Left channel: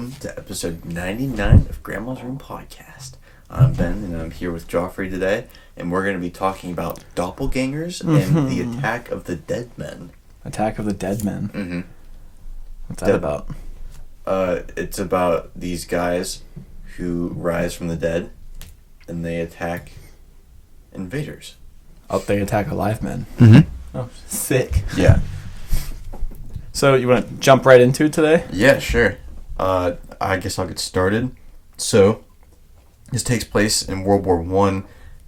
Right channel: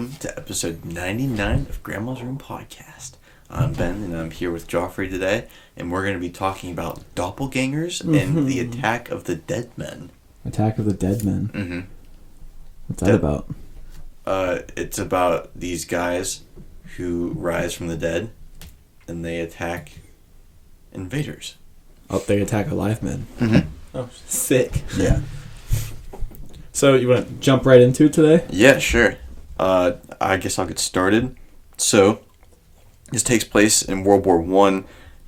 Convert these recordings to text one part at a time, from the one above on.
welcome to episode 99 of Grandma's Room Podcast. I'm Ben, and I'm here with Joffrey today, and we're going to be talking about doppelgangers and the attack of the dead men. Attack of the Dead Men? Mm-hmm. What's that about? It's about these guys who rise from the dead, and they attack invaders. Oh, they attack alive men. Mm-hmm. Oh, sick. Yeah. So, you want to jump right into it today? Yeah, sure. I guess I'll get started. So, this takes place in World War I,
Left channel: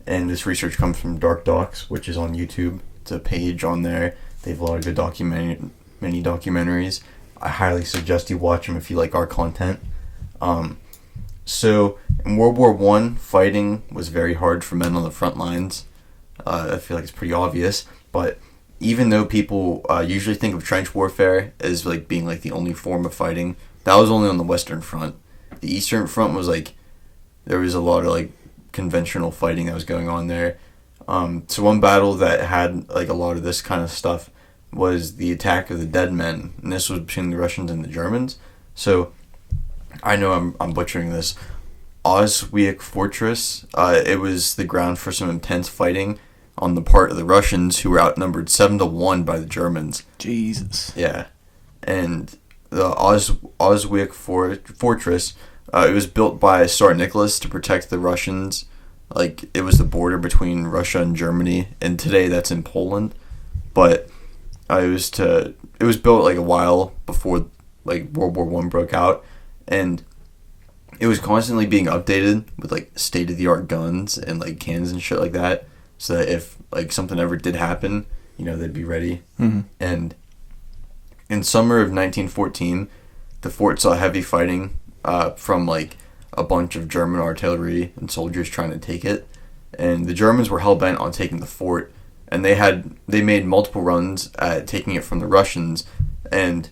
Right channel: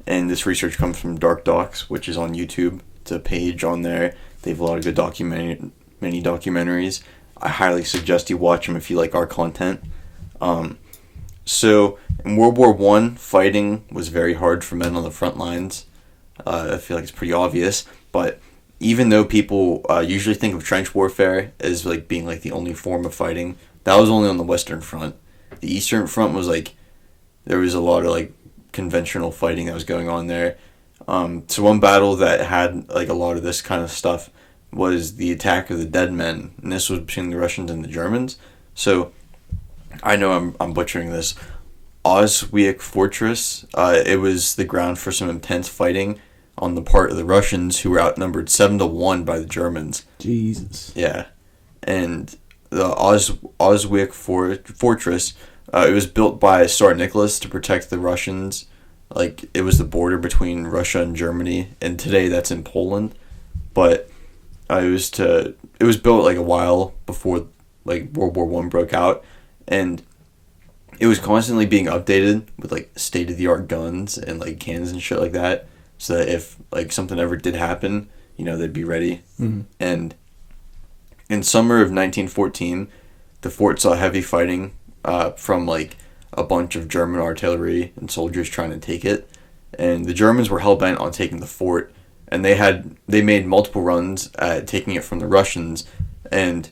and this research comes from Dark Docs, which is on YouTube. It's a page on there. They have a lot of good many documentaries. I highly suggest you watch them if you like our content. So, in World War I, fighting was very hard for men on the front lines. I feel like it's pretty obvious, but even though people usually think of trench warfare as like being like the only form of fighting, that was only on the Western Front. The Eastern Front was like, there was a lot of like conventional fighting that was going on there. So one battle that had like a lot of this kind of stuff was the attack of the Dead Men, and this was between the Russians and the Germans. So I know I'm butchering this. Auschwitz Fortress. It was the ground for some intense fighting on the part of the Russians, who were outnumbered 7-1 by the Germans. Jesus. Yeah. And the Auschwitz Fortress, it was built by Tsar Nicholas to protect the Russians. Like, it was the border between Russia and Germany, and today that's in Poland. But it was built like a while before like World War I broke out, and it was constantly being updated with like state-of-the-art guns and like cannons and shit like that. So that if like something ever did happen, you know, they'd be ready. Mm-hmm. And in summer of 1914, the fort saw heavy fighting from like a bunch of German artillery and soldiers trying to take it. And the Germans were hell-bent on taking the fort. And they made multiple runs at taking it from the Russians. And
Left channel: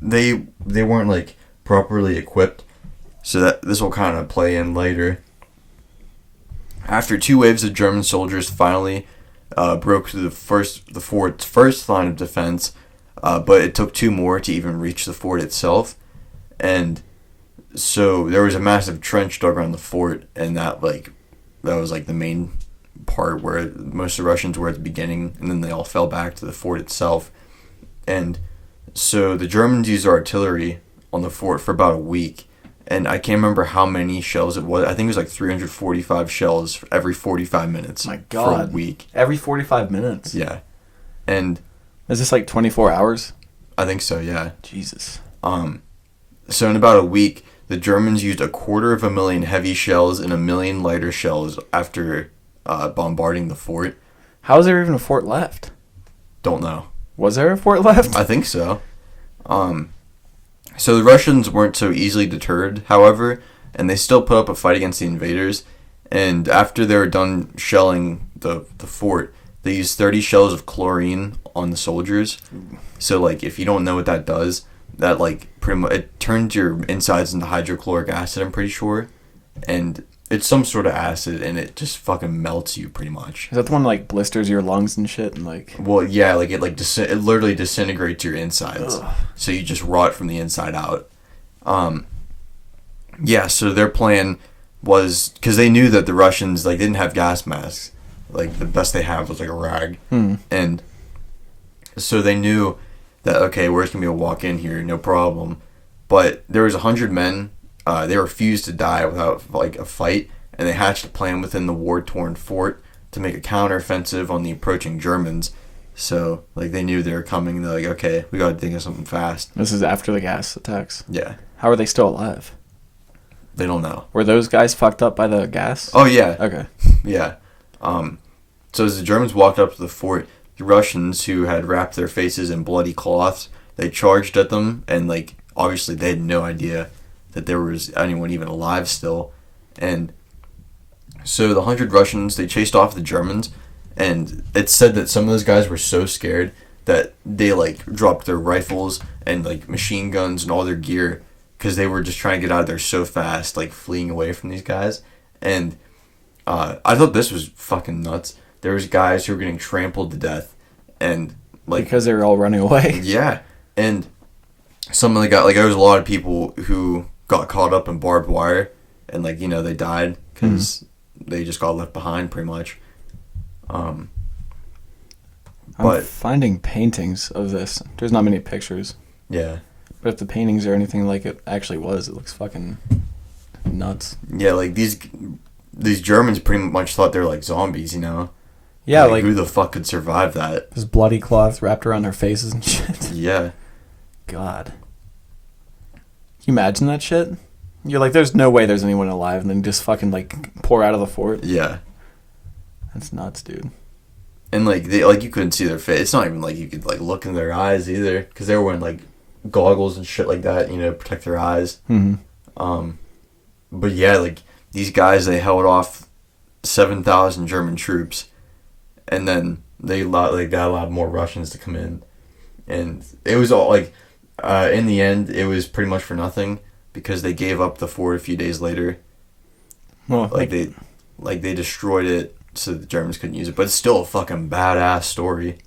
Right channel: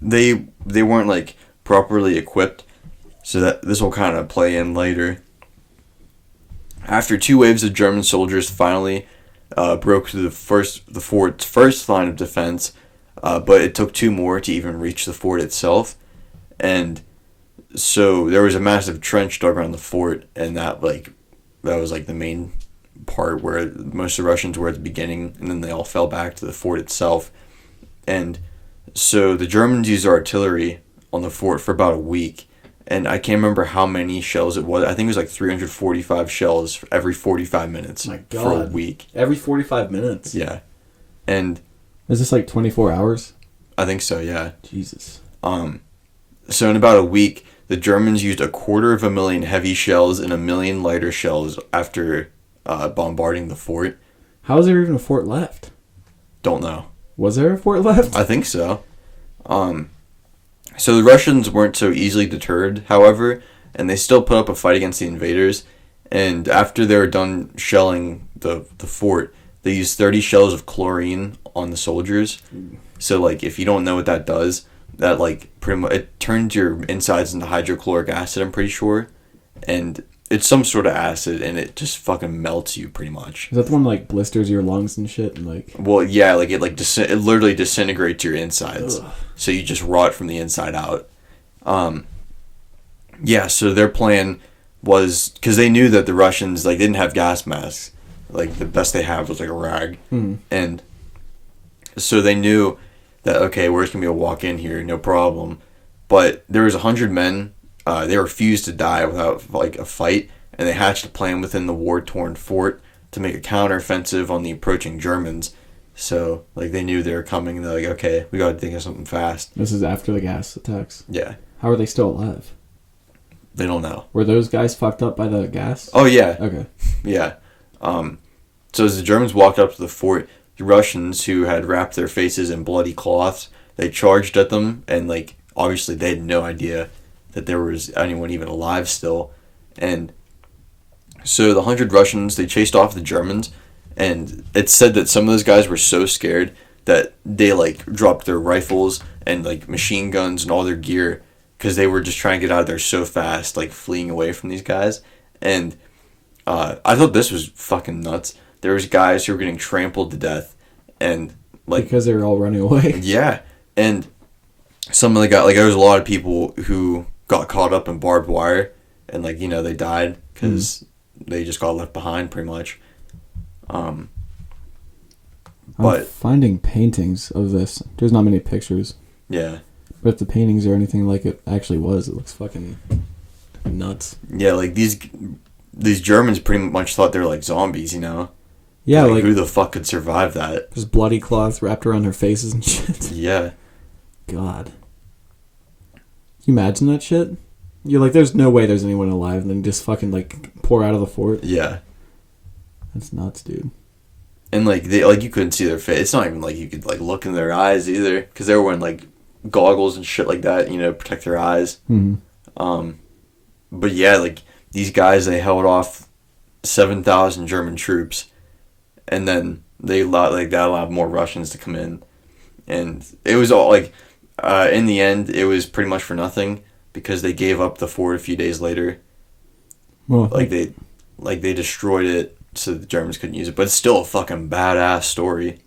they weren't like properly equipped. So that this will kind of play in later. After two waves of German soldiers finally broke through the fort's first line of defense, but it took two more to even reach the fort itself. And so there was a massive trench dug around the fort, and that was like the main part where most of the Russians were at the beginning, and then they all fell back to the fort itself. And so the Germans used artillery on the fort for about a week. And I can't remember how many shells it was. I think it was like 345 shells every 45 minutes. My God. For a week. Every 45 minutes? Yeah. And is this like 24 hours? I think so, yeah. Jesus. So in about a week, the Germans used 250,000 heavy shells and 1 million lighter shells after bombarding the fort. How is there even a fort left? Don't know. Was there a fort left? I think so. So the Russians weren't so easily deterred, however, and they still put up a fight against the invaders. And after they were done shelling the fort, they used 30 shells of chlorine on the soldiers. So, like, if you don't know what that does, that, like, pretty much, it turns your insides into hydrochloric acid, I'm pretty sure. And it's some sort of acid, and it just fucking melts you, pretty much. Is that the one that, like, blisters your lungs and shit? And, like... Well, yeah, like, it literally disintegrates your insides. Ugh. So you just rot from the inside out. Yeah, so their plan was... Because they knew that the Russians, like, didn't have gas masks. Like, the best they have was, like, a rag. And so they knew that, okay, we're just going to be able to walk in here, no problem. But there was 100 men... they refused to die without like a fight, and they hatched a plan within the war-torn fort to make a counteroffensive on the approaching Germans. So, like, they knew they were coming, and they're like, okay, we gotta think of something fast. This is after the gas attacks? Yeah. How are they still alive? They don't know. Were those guys fucked up by the gas? Oh, yeah. Okay. Yeah. So as the Germans walked up to the fort, the Russians, who had wrapped their faces in bloody cloths, they charged at them, and, like, obviously they had no idea that there was anyone even alive still. And so the 100 Russians, they chased off the Germans, and it's said that some of those guys were so scared that they, like, dropped their rifles and, like, machine guns and all their gear because they were just trying to get out of there so fast, like, fleeing away from these guys. And I thought this was fucking nuts. There was guys who were getting trampled to death, and, like... Because they were all running away? Yeah. And some of the guys, like there was a lot of people who got caught up in barbed wire, and like they died because they just got left behind pretty much. I'm But finding paintings of this. There's not many pictures, yeah, but if the paintings are anything like it actually was, it looks fucking nuts. yeah, like these Germans pretty much thought they were like zombies, Yeah, like who the fuck could survive that? there's bloody cloths wrapped around their faces and shit. Yeah, God. Can you imagine that shit? You're like, there's no way there's anyone alive, and then just fucking like pour out of the fort. yeah. That's nuts, dude. And like you couldn't see their face. It's not even like you could like look in their eyes either, because they were wearing like goggles and shit like that, protect their eyes. Mm-hmm. But yeah, like these guys, they held off 7,000 German troops, and then they allowed more Russians to come in, and it was all like, in the end, it was pretty much for nothing because they gave up the fort a few days later. Well, they destroyed it so the Germans couldn't use it, but it's still a fucking badass story.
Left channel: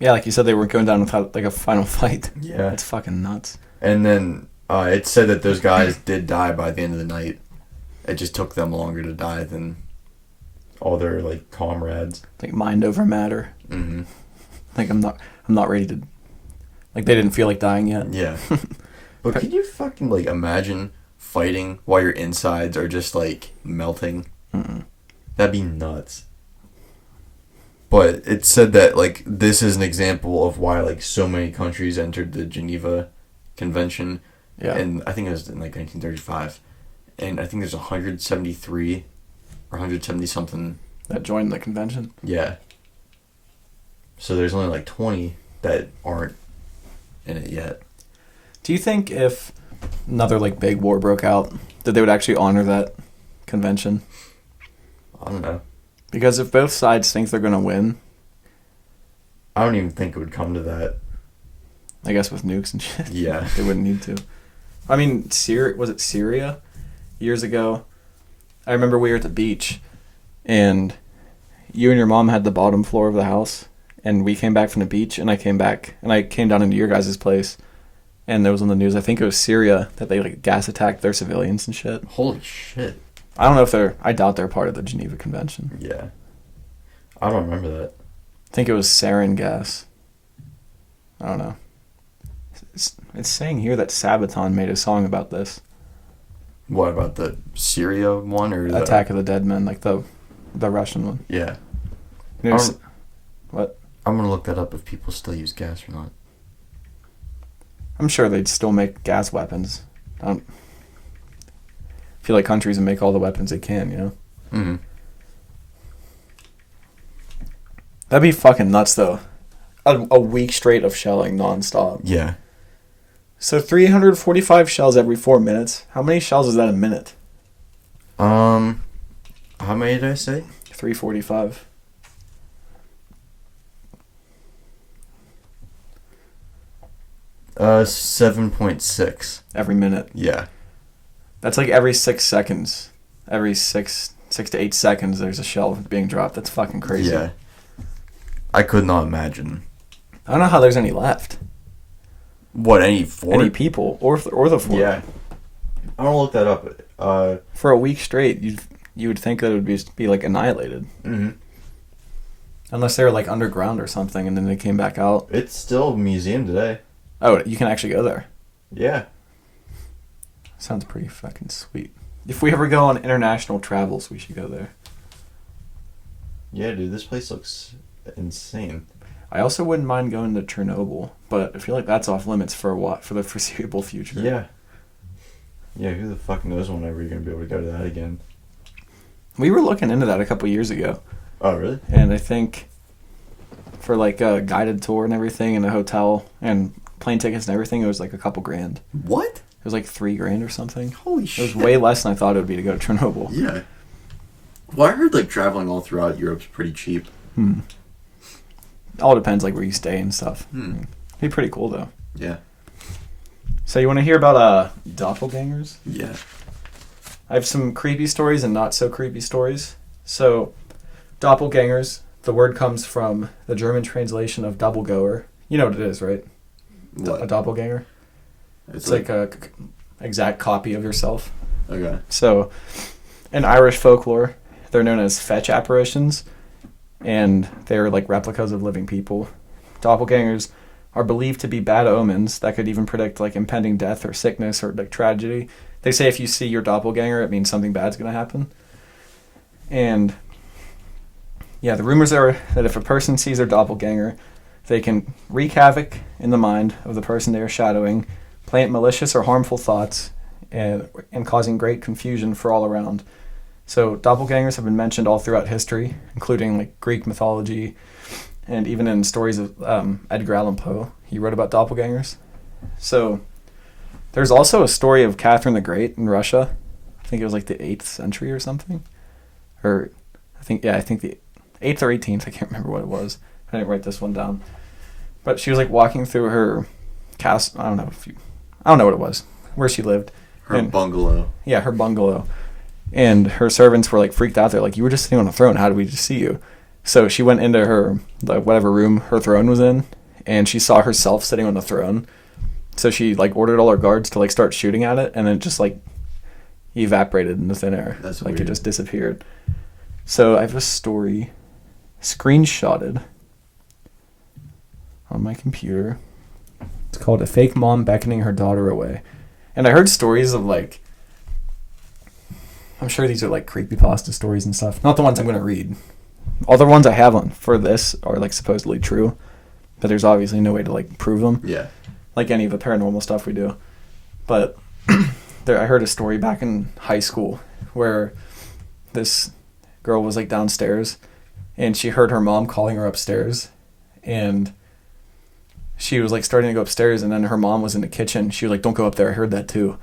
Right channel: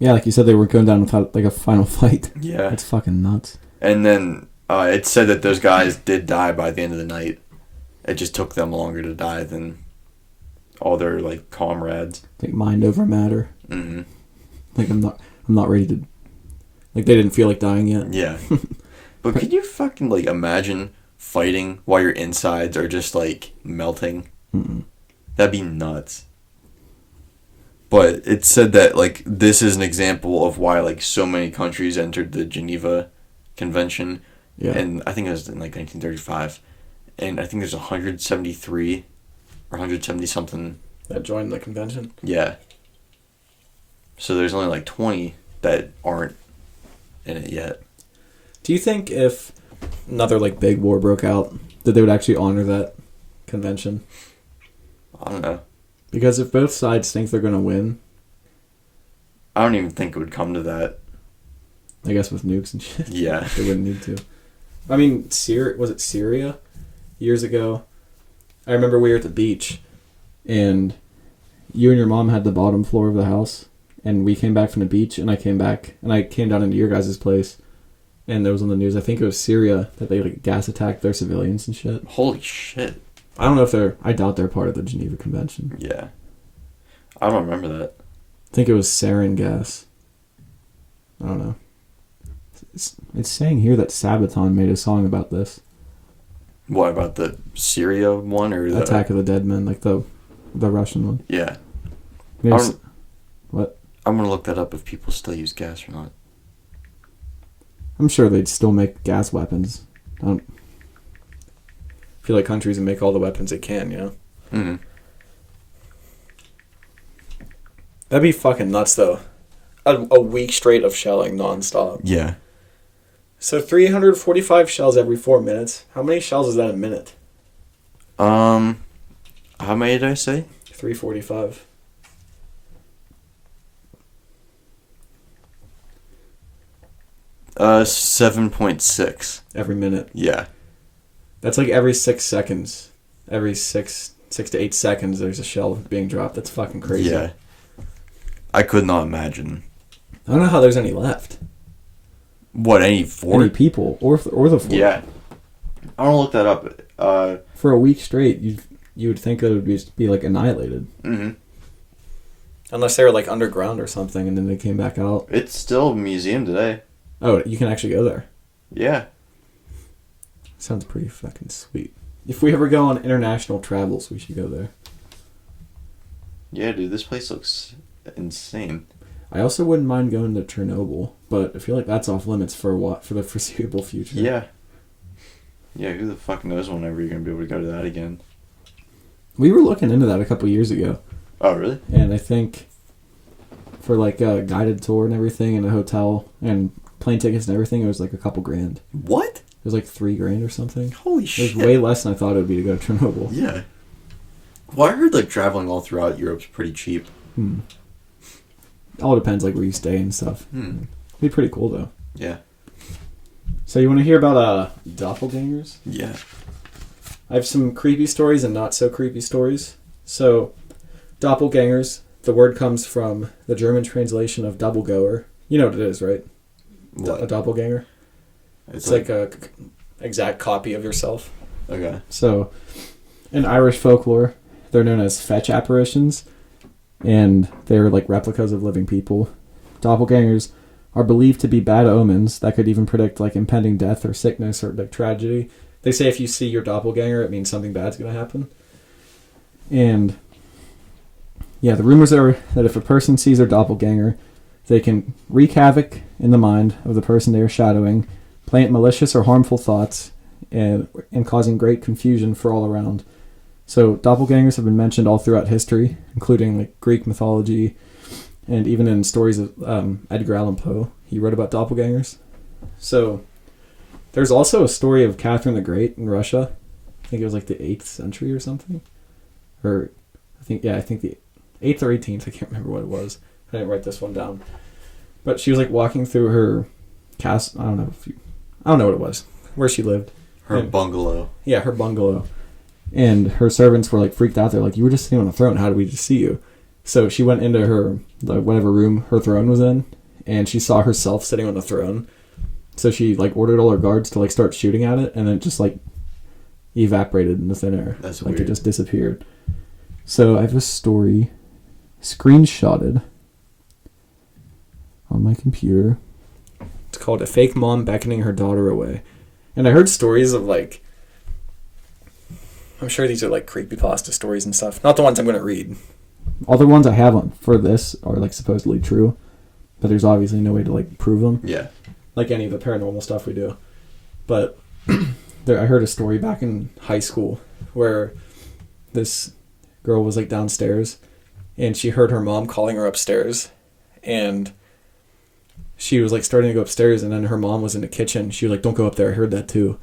yeah, like you said, they were going down without like a final fight. Yeah. It's fucking nuts. And then it said that those guys did die by the end of the night. It just took them longer to die than all their like comrades. Like mind over matter. Mm-hmm. Like I'm not ready to. Like they didn't feel like dying yet. Yeah. But can you fucking like imagine fighting while your insides are just like melting? Mm-mm. That'd be nuts. But it said that like this is an example of why like so many countries entered the Geneva Convention. Yeah. And I think it was in like 1935. And I think there's 173 or 170 something That joined the convention. Yeah. So there's only like 20 that aren't in it yet. Do you think if another like big war broke out, that they would actually honor that convention? I don't know. Because if both sides think they're going to win, I don't even think it would come to that. I guess with nukes and shit, Yeah. they wouldn't need to. I mean, was it Syria? Years ago, I remember we were at the beach, and you and your mom had the bottom floor of the house, and we came back from the beach, and I came down into your guys' place, and there was on the news, I think it was Syria, that they like gas attacked their civilians and shit. Holy shit. I don't know I doubt they're part of the Geneva Convention. Yeah. I don't remember that. I think it was sarin gas. I don't know. It's saying here that Sabaton made a song about this. What about the Syria one or the Attack of the Dead Men, like the Russian one. Yeah. What? I'm gonna look that up if people still use gas or not. I'm sure they'd still make gas weapons. I don't feel like countries would make all the weapons they can, Mm-hmm. That'd be fucking nuts, though. A week straight of shelling nonstop. Yeah. So 345 shells every 4 minutes. How many shells is that a minute? How many did I say? 345. Uh, 7.6. Every minute. Yeah. That's like every 6 seconds. Every 6 to 8 seconds there's a shell being dropped. That's fucking crazy. Yeah. I could not imagine. I don't know how there's any left. What, any fort? Any people or the fort. Yeah. I don't look that up. For a week straight, you would think that it would be like annihilated. Mm-hmm. Unless they were like underground or something and then they came back out. It's still a museum today. Oh, you can actually go there. Yeah. Sounds pretty fucking sweet. If we ever go on international travels, we should go there. Yeah, dude, this place looks insane. I also wouldn't mind going to Chernobyl, but I feel like that's off limits for the foreseeable future. Yeah. Yeah, who the fuck knows whenever you're going to be able to go to that again. We were looking into that a couple years ago. Oh, really? And I think for like a guided tour and everything and a hotel and plane tickets and everything, it was like a couple grand. What? It was like $3,000 or something. Holy It shit. was way less than I thought it would be to go to Chernobyl. Yeah. Well, I heard like traveling all throughout Europe's pretty cheap. All depends like where you stay and stuff. Hmm. It'd be pretty cool though. Yeah. So you want to hear about doppelgangers? Yeah. I have some creepy stories and not so creepy stories. So, doppelgangers, the word comes from the German translation of doppelgoer. You know what it is, right? What? A doppelganger? It's like a exact copy of yourself. Okay. So, in Irish folklore, they're known as fetch apparitions, and they're like replicas of living people. Doppelgangers are believed to be bad omens that could even predict like impending death or sickness or like tragedy. They say if you see your doppelganger, it means something bad's going to happen. And yeah, the rumors are that if a person sees their doppelganger, they can wreak havoc in the mind of the person they are shadowing, plant malicious or harmful thoughts, and causing great confusion for all around. So doppelgangers have been mentioned all throughout history, including like Greek mythology, and even in stories of Edgar Allan Poe. He wrote about doppelgangers. So there's also a story of Catherine the Great in Russia. I think it was like the 8th century or something. Or I think the 8th or 18th. I can't remember what it was. I didn't write this one down. But she was like walking through her castle. I don't know what it was, where she lived. Her bungalow. Yeah, her bungalow. And her servants were like freaked out. They're like, "You were just sitting on a throne. How did we just see you?" So she went into whatever room her throne was in, and she saw herself sitting on the throne. So she like ordered all her guards to like start shooting at it, and then it just like evaporated into thin air. That's like weird. It just disappeared. So I have a story screenshotted on my computer. It's called "A Fake Mom Beckoning Her Daughter Away." And I heard stories of like, I'm sure these are like creepypasta stories and stuff. Not the ones I'm going to read. All the ones I have on for this are like supposedly true, but there's obviously no way to like prove them. Yeah. Like any of the paranormal stuff we do. But I heard a story back in high school where this girl was like downstairs and she heard her mom calling her upstairs, and she was like starting to go upstairs, and then her mom was in the kitchen. She was like, "Don't go up there. I heard that too."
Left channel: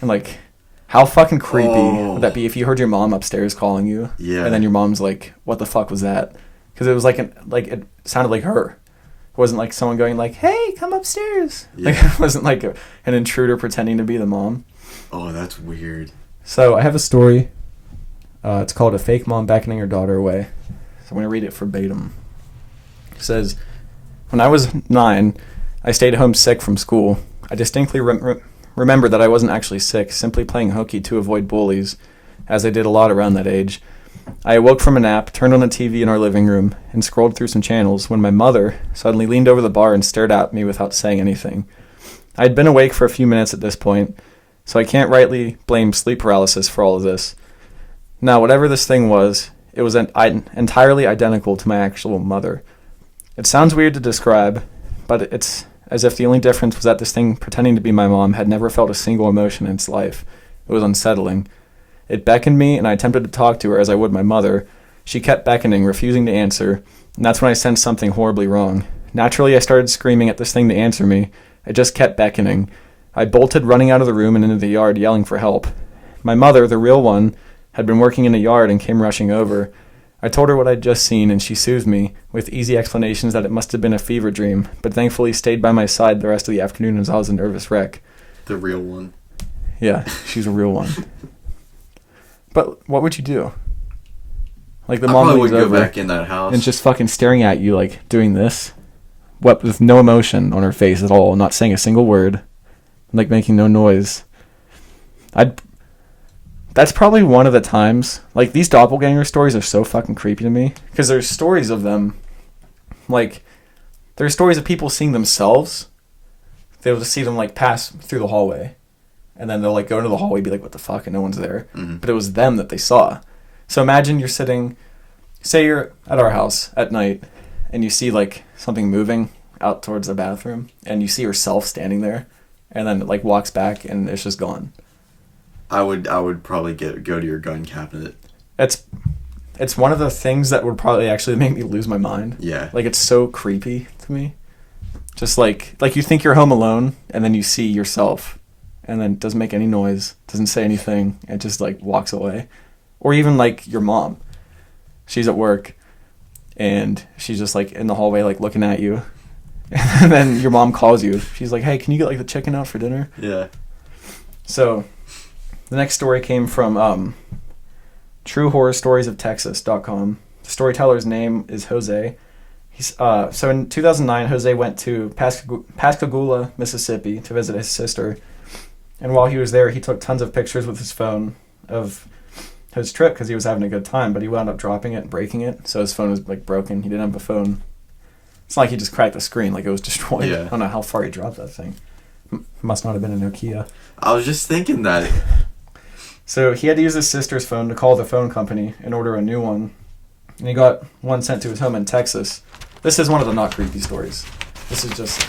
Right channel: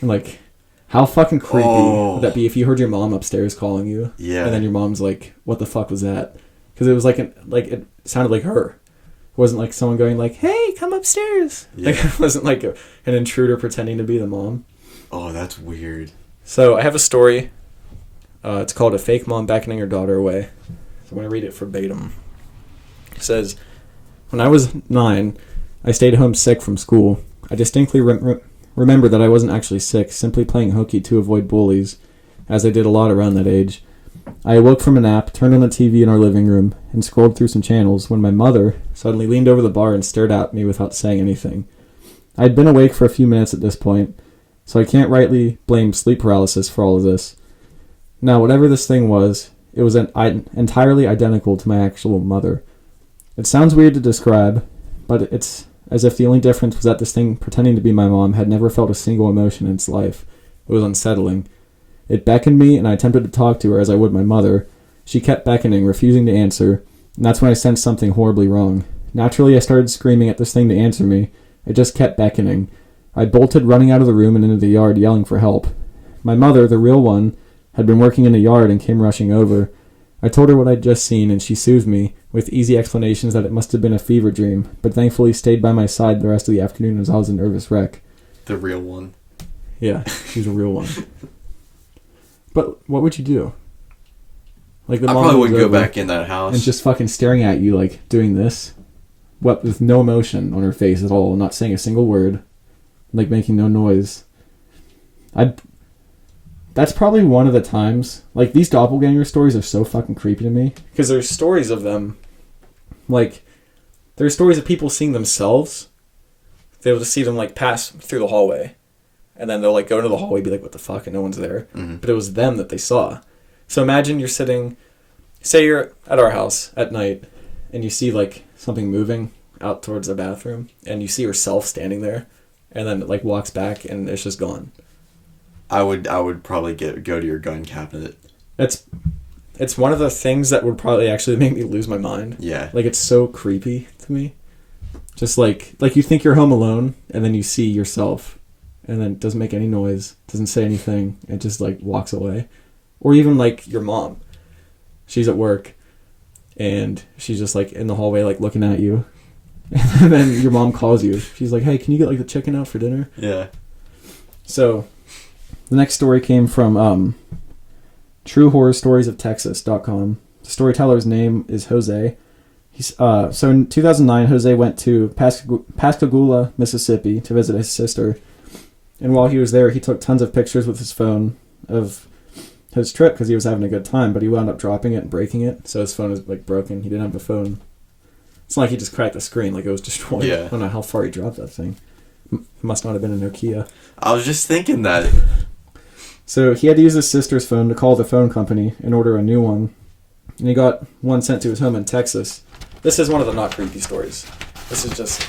And like, how fucking creepy would that be if you heard your mom upstairs calling you? Yeah. And then your mom's like, "What the fuck was that?" Because it was like it sounded like her. It wasn't like someone going like, "Hey, come upstairs." Yeah. Like it wasn't like an intruder pretending to be the mom. Oh, that's weird. So I have a story. It's called "A Fake Mom Beckoning Her Daughter Away." So I'm going to read it verbatim. It says, "When I was 9, I stayed home sick from school. I distinctly remember that I wasn't actually sick, simply playing hooky to avoid bullies, as I did a lot around that age. I awoke from a nap, turned on the TV in our living room, and scrolled through some channels when my mother suddenly leaned over the bar and stared at me without saying anything. I had been awake for a few minutes at this point, so I can't rightly blame sleep paralysis for all of this. Now, whatever this thing was, it was entirely identical to my actual mother. It sounds weird to describe, but it's as if the only difference was that this thing pretending to be my mom had never felt a single emotion in its life. It was unsettling. It beckoned me, and I attempted to talk to her as I would my mother. She kept beckoning, refusing to answer, and that's when I sensed something horribly wrong. Naturally, I started screaming at this thing to answer me. It just kept beckoning. I bolted, running out of the room and into the yard, yelling for help. My mother, the real one, had been working in the yard and came rushing over. I told her what I'd just seen, and she soothed me, with easy explanations that it must have been a fever dream, but thankfully stayed by my side the rest of the afternoon as I was a nervous wreck." The real one. Yeah, she's a real one. But what would you do? Like the I mom probably leans wouldn't go over back in that house. and just fucking staring at you, like doing this, what, with no emotion on her face at all, not saying a single word, like making no noise. That's probably one of the times, like these doppelganger stories are so fucking creepy to me, because there's stories of them, like there's stories of people seeing themselves. They'll just see them like pass through the hallway, and then they'll like go into the hallway and be like, "What the fuck?" and no one's there. Mm-hmm. But it was them that they saw. So imagine you're sitting, say you're at our house at night, and you see like something moving out towards the bathroom, and you see yourself standing there, and then it like walks back and it's just gone. I would probably go to your gun cabinet. It's one of the things that would probably actually make me lose my mind. Yeah. Like it's so creepy to me. Just like you think you're home alone, and then you see yourself, and then it doesn't make any noise, doesn't say anything, and just like walks away. Or even like your mom. She's at work, and she's just like in the hallway like looking at you. And then your mom calls you. She's like, "Hey, can you get like the chicken out for dinner?" Yeah. So the next story came from truehorrorstoriesoftexas.com. The storyteller's name is Jose, So in 2009, Jose went to Pascagoula, Mississippi to visit his sister. And while he was there, he took tons of pictures with his phone of his trip because he was having a good time, but he wound up dropping it and breaking it. So his phone was like broken. He didn't have a phone. It's not like he just cracked the screen, like it was destroyed. Yeah. I don't know how far he dropped that thing. Must not have been a Nokia. I was just thinking that. So he had to use his sister's phone to call the phone company and order a new one. And he got one sent to his home in Texas. This is one of the not creepy stories. This is just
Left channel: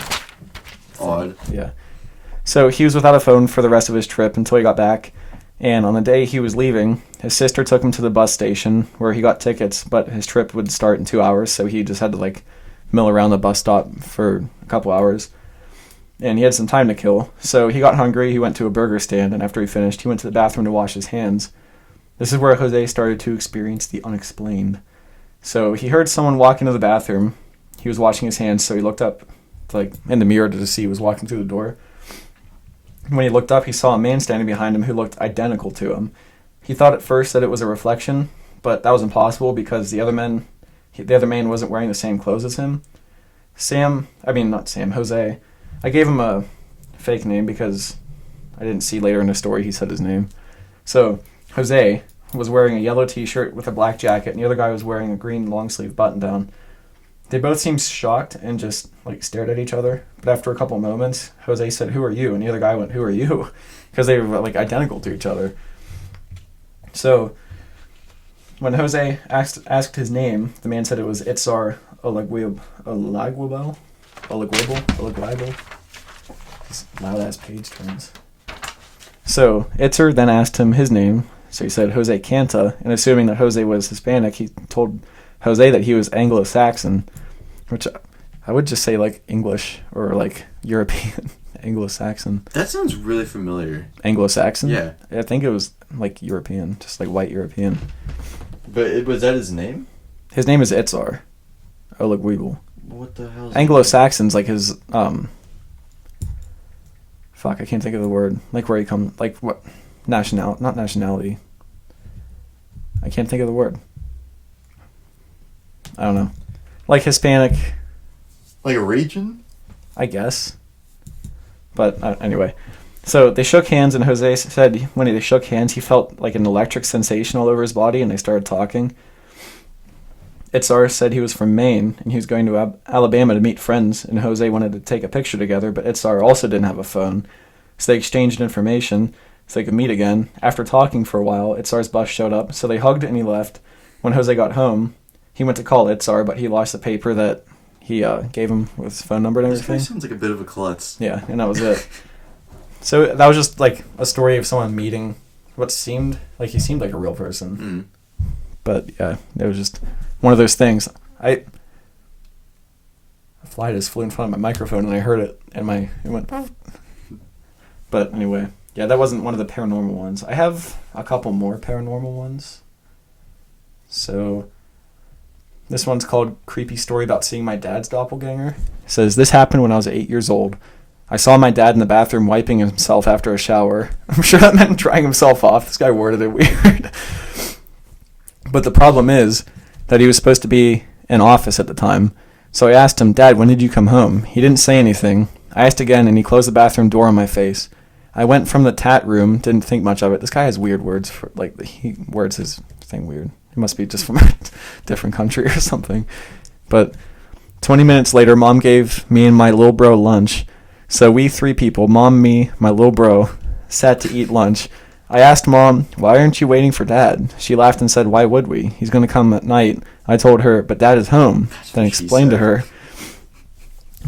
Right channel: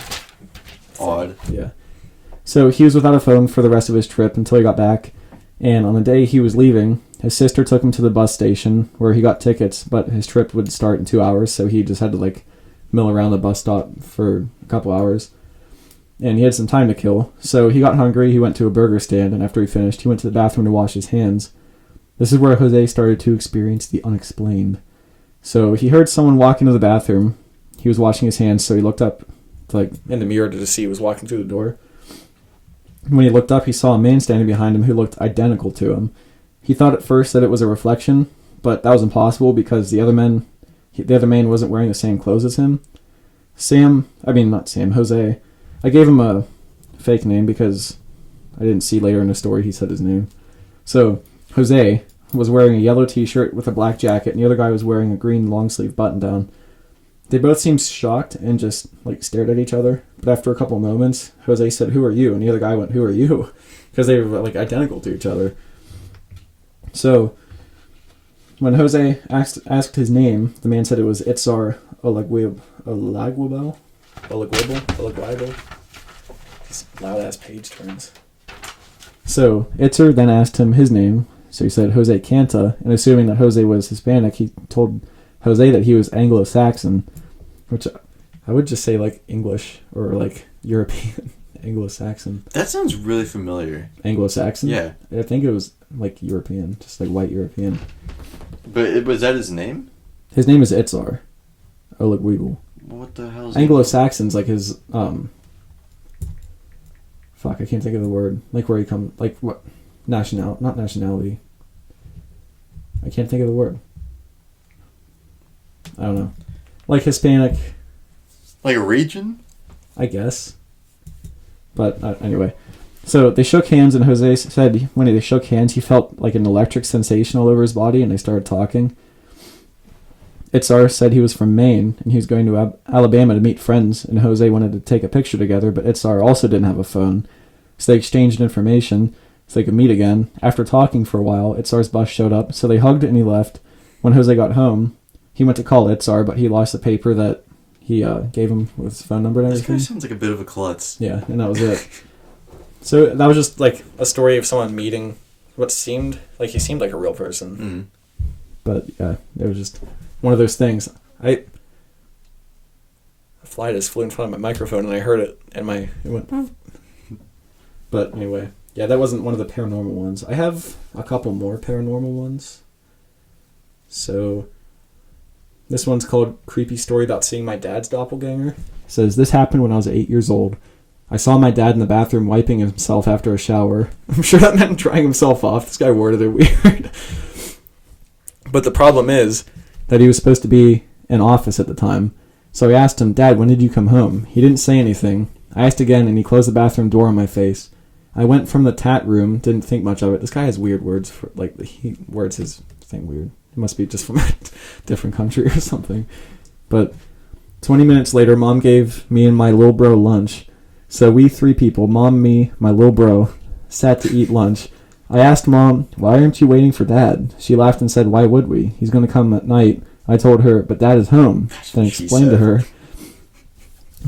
Odd. Yeah. So he was without a phone for the rest of his trip until he got back. And on the day he was leaving, his sister took him to the bus station where he got tickets, but his trip would start in 2 hours, so he just had to like mill around the bus stop for a couple hours. And he had some time to kill. So he got hungry, he went to a burger stand, and after he finished, he went to the bathroom to wash his hands. This is where Jose started to experience the unexplained. So he heard someone walk into the bathroom. He was washing his hands, so he looked up like in the mirror to see who was walking through the door. When he looked up, he saw a man standing behind him who looked identical to him. He thought at first that it was a reflection, but that was impossible because the other man wasn't wearing the same clothes as him. Jose. I gave him a fake name because I didn't see later in the story he said his name. So Jose was wearing a yellow t-shirt with a black jacket, and the other guy was wearing a green long-sleeve button-down. They both seemed shocked and just like stared at each other. But after a couple moments, Jose said, "Who are you?" And the other guy went, "Who are you?" Because they were like identical to each other. So when Jose asked his name, the man said it was Itzar Olaguibo. These loud-ass page turns. So Itzar then asked him his name. So he said Jose Canta, and assuming that Jose was Hispanic, he told Jose that he was Anglo-Saxon, which I would just say like English or like European. Anglo-Saxon. That sounds really familiar. Anglo-Saxon? Yeah. I think it was like European, just like white European. But was that his name? His name is Itzar Olaguibo. What the hell is Anglo-Saxon's like his, fuck, I can't think of the word. Like where he comes, like what, not nationality. I can't think of the word. I don't know. Like Hispanic. Like a region? I guess. But anyway. So they shook hands, and Jose said when they shook hands, he felt like an electric sensation all over his body, and they started talking. Itzar said he was from Maine, and he was going to Alabama to meet friends, and Jose wanted to take a picture together, but Itzar also didn't have a phone. So they exchanged information so they could meet again. After talking for a while, Itzar's bus showed up, so they hugged and he left. When Jose got home, he went to call Itzar, but he lost the paper that he gave him with his phone number and everything. This guy sounds like a bit of a klutz. Yeah, and that was it. So that was just like a story of someone meeting what seemed like he seemed like a real person. Mm. But yeah, it was just one of those things. A fly just flew in front of my microphone and I heard it and it went. But anyway, yeah, that wasn't one of the paranormal ones. I have a couple more paranormal ones. So this one's called Creepy Story About Seeing My Dad's Doppelgänger. It says, this happened when I was 8 years old. I saw my dad in the bathroom wiping himself after a shower. I'm sure that meant drying himself off. This guy worded it weird. But the problem is that he was supposed to be in office at the time. So I asked him, Dad, when did you come home? He didn't say anything. I asked again, and he closed the bathroom door on my face. I went from the tat room, didn't think much of it. This guy has weird words. He words his thing weird. It must be just from a different country or something. But 20 minutes later, Mom gave me and my little bro lunch. So we three people, Mom, me, my little bro, sat to eat lunch. I asked Mom, why aren't you waiting for Dad? She laughed and said, why would we? He's going to come at night. I told her, but Dad is home. Then explained to her.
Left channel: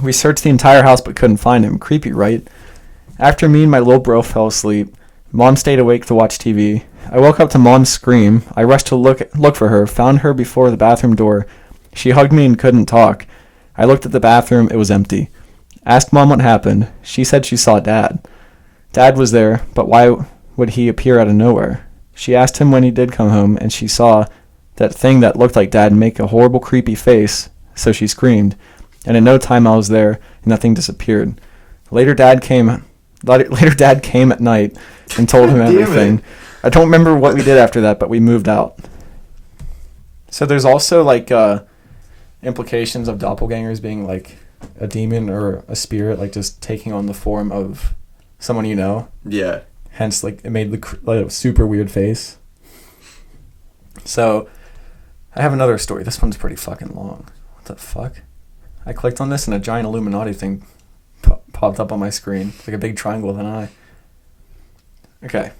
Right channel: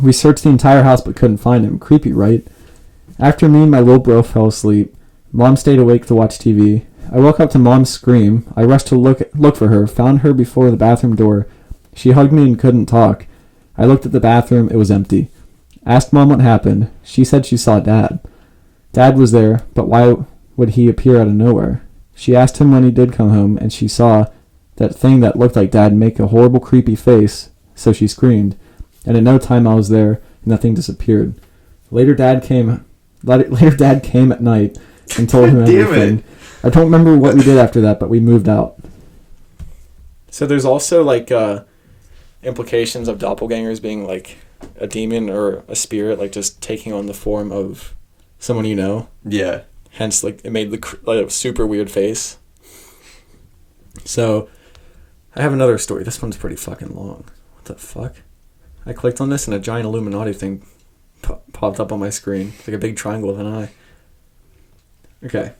We searched the entire house but couldn't find him. Creepy, right? After me and my little bro fell asleep, Mom stayed awake to watch TV. I woke up to Mom's scream. I rushed to look for her, found her before the bathroom door. She hugged me and couldn't talk. I looked at the bathroom. It was empty. Asked Mom what happened. She said she saw Dad. Dad was there, but why would he appear out of nowhere? She asked him when he did come home, and she saw that thing that looked like Dad make a horrible, creepy face, so she screamed. And in no time I was there, and that thing disappeared. Later, Dad came at night and told him everything. I don't remember what we did after that, but we moved out. So there's also like implications of doppelgangers being like a demon or a spirit, like just taking on the form of someone you know. Yeah. Hence, like, it made like a super weird face. So, I have another story. This one's pretty fucking long. What the fuck? I clicked on this and a giant Illuminati thing popped up on my screen. It's like a big triangle with an eye. Okay.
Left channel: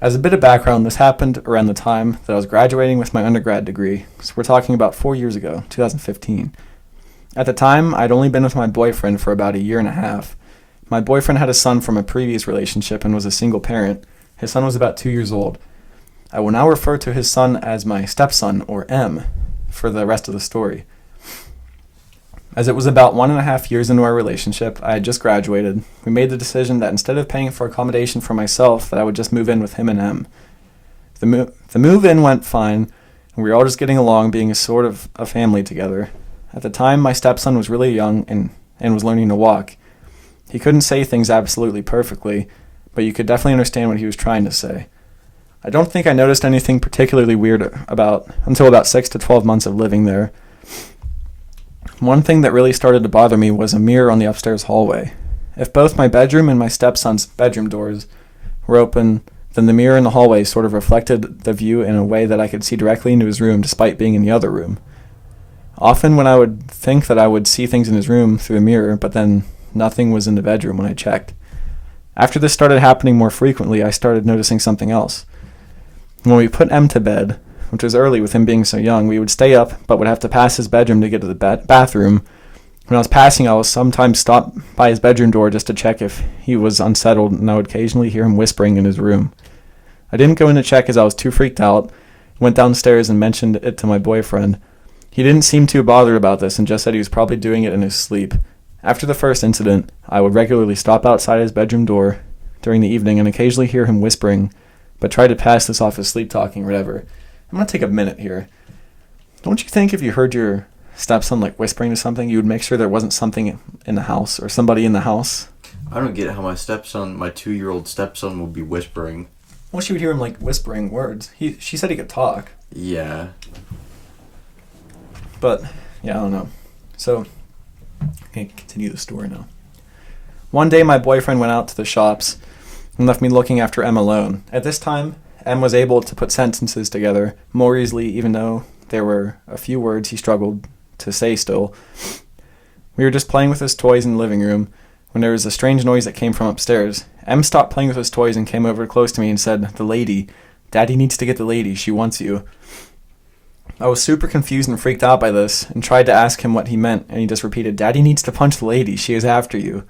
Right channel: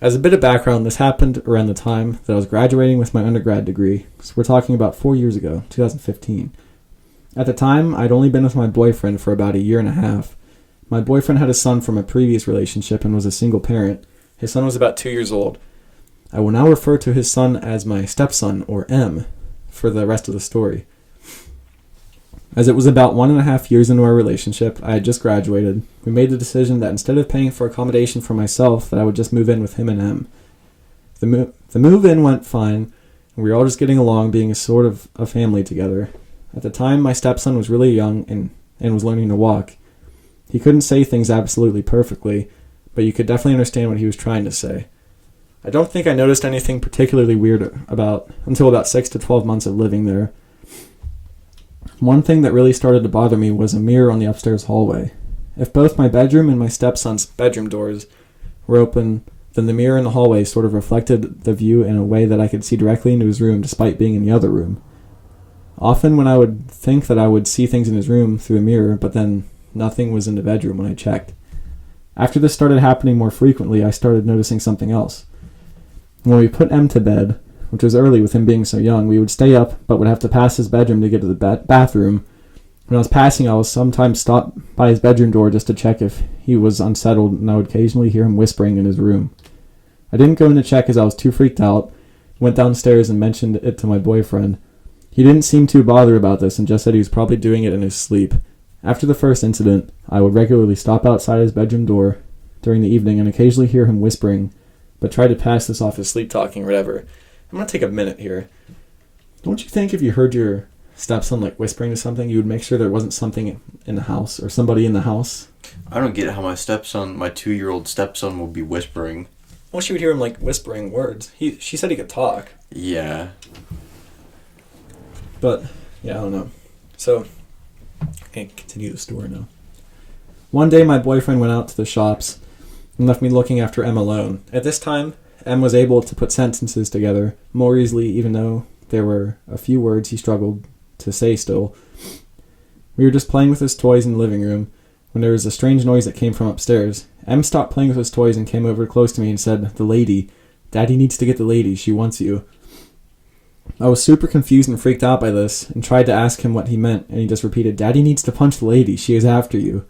As a bit of background, this happened around the time that I was graduating with my undergrad degree. So we're talking about 4 years ago, 2015. At the time, I'd only been with my boyfriend for about a year and a half. My boyfriend had a son from a previous relationship and was a single parent. His son was about 2 years old. I will now refer to his son as my stepson, or M, for the rest of the story. As it was about 1.5 years into our relationship, I had just graduated. We made the decision that instead of paying for accommodation for myself, that I would just move in with him and M. The move-in went fine, and we were all just getting along, being a sort of a family together. At the time, my stepson was really young and was learning to walk. He couldn't say things absolutely perfectly, but you could definitely understand what he was trying to say. I don't think I noticed anything particularly weird until about 6 to 12 months of living there. One thing that really started to bother me was a mirror on the upstairs hallway. If both my bedroom and my stepson's bedroom doors were open, then the mirror in the hallway sort of reflected the view in a way that I could see directly into his room despite being in the other room. Often when I would think that I would see things in his room through a mirror, but then nothing was in the bedroom when I checked. After this started happening more frequently, I started noticing something else. When we put M to bed, which was early with him being so young, we would stay up but would have to pass his bedroom to get to the bathroom. When I was passing, I would sometimes stop by his bedroom door just to check if he was unsettled, and I would occasionally hear him whispering in his room. I didn't go in to check as I was too freaked out, went downstairs and mentioned it to my boyfriend. He didn't seem too bothered about this and just said he was probably doing it in his sleep. After the first incident, I would regularly stop outside his bedroom door during the evening and occasionally hear him whispering, but try to pass this off as sleep talking or whatever. I'm going to take a minute here. Don't you think if you heard your stepson like whispering to something, you would make sure there wasn't something in the house or somebody in the house? I don't get how my 2-year-old stepson will be whispering. Well, she would hear him like whispering words. She said he could talk. Yeah. But, yeah, I don't know. So, I can continue the story now. One day, my boyfriend went out to the shops and left me looking after M alone. At this time, M was able to put sentences together more easily, even though there were a few words he struggled to say still. We were just playing with his toys in the living room when there was a strange noise that came from upstairs. M stopped playing with his toys and came over close to me and said, "The lady. Daddy needs to get the lady. She wants you." I was super confused and freaked out by this and tried to ask him what he meant, and he just repeated, "Daddy needs to punch the lady. She is after you."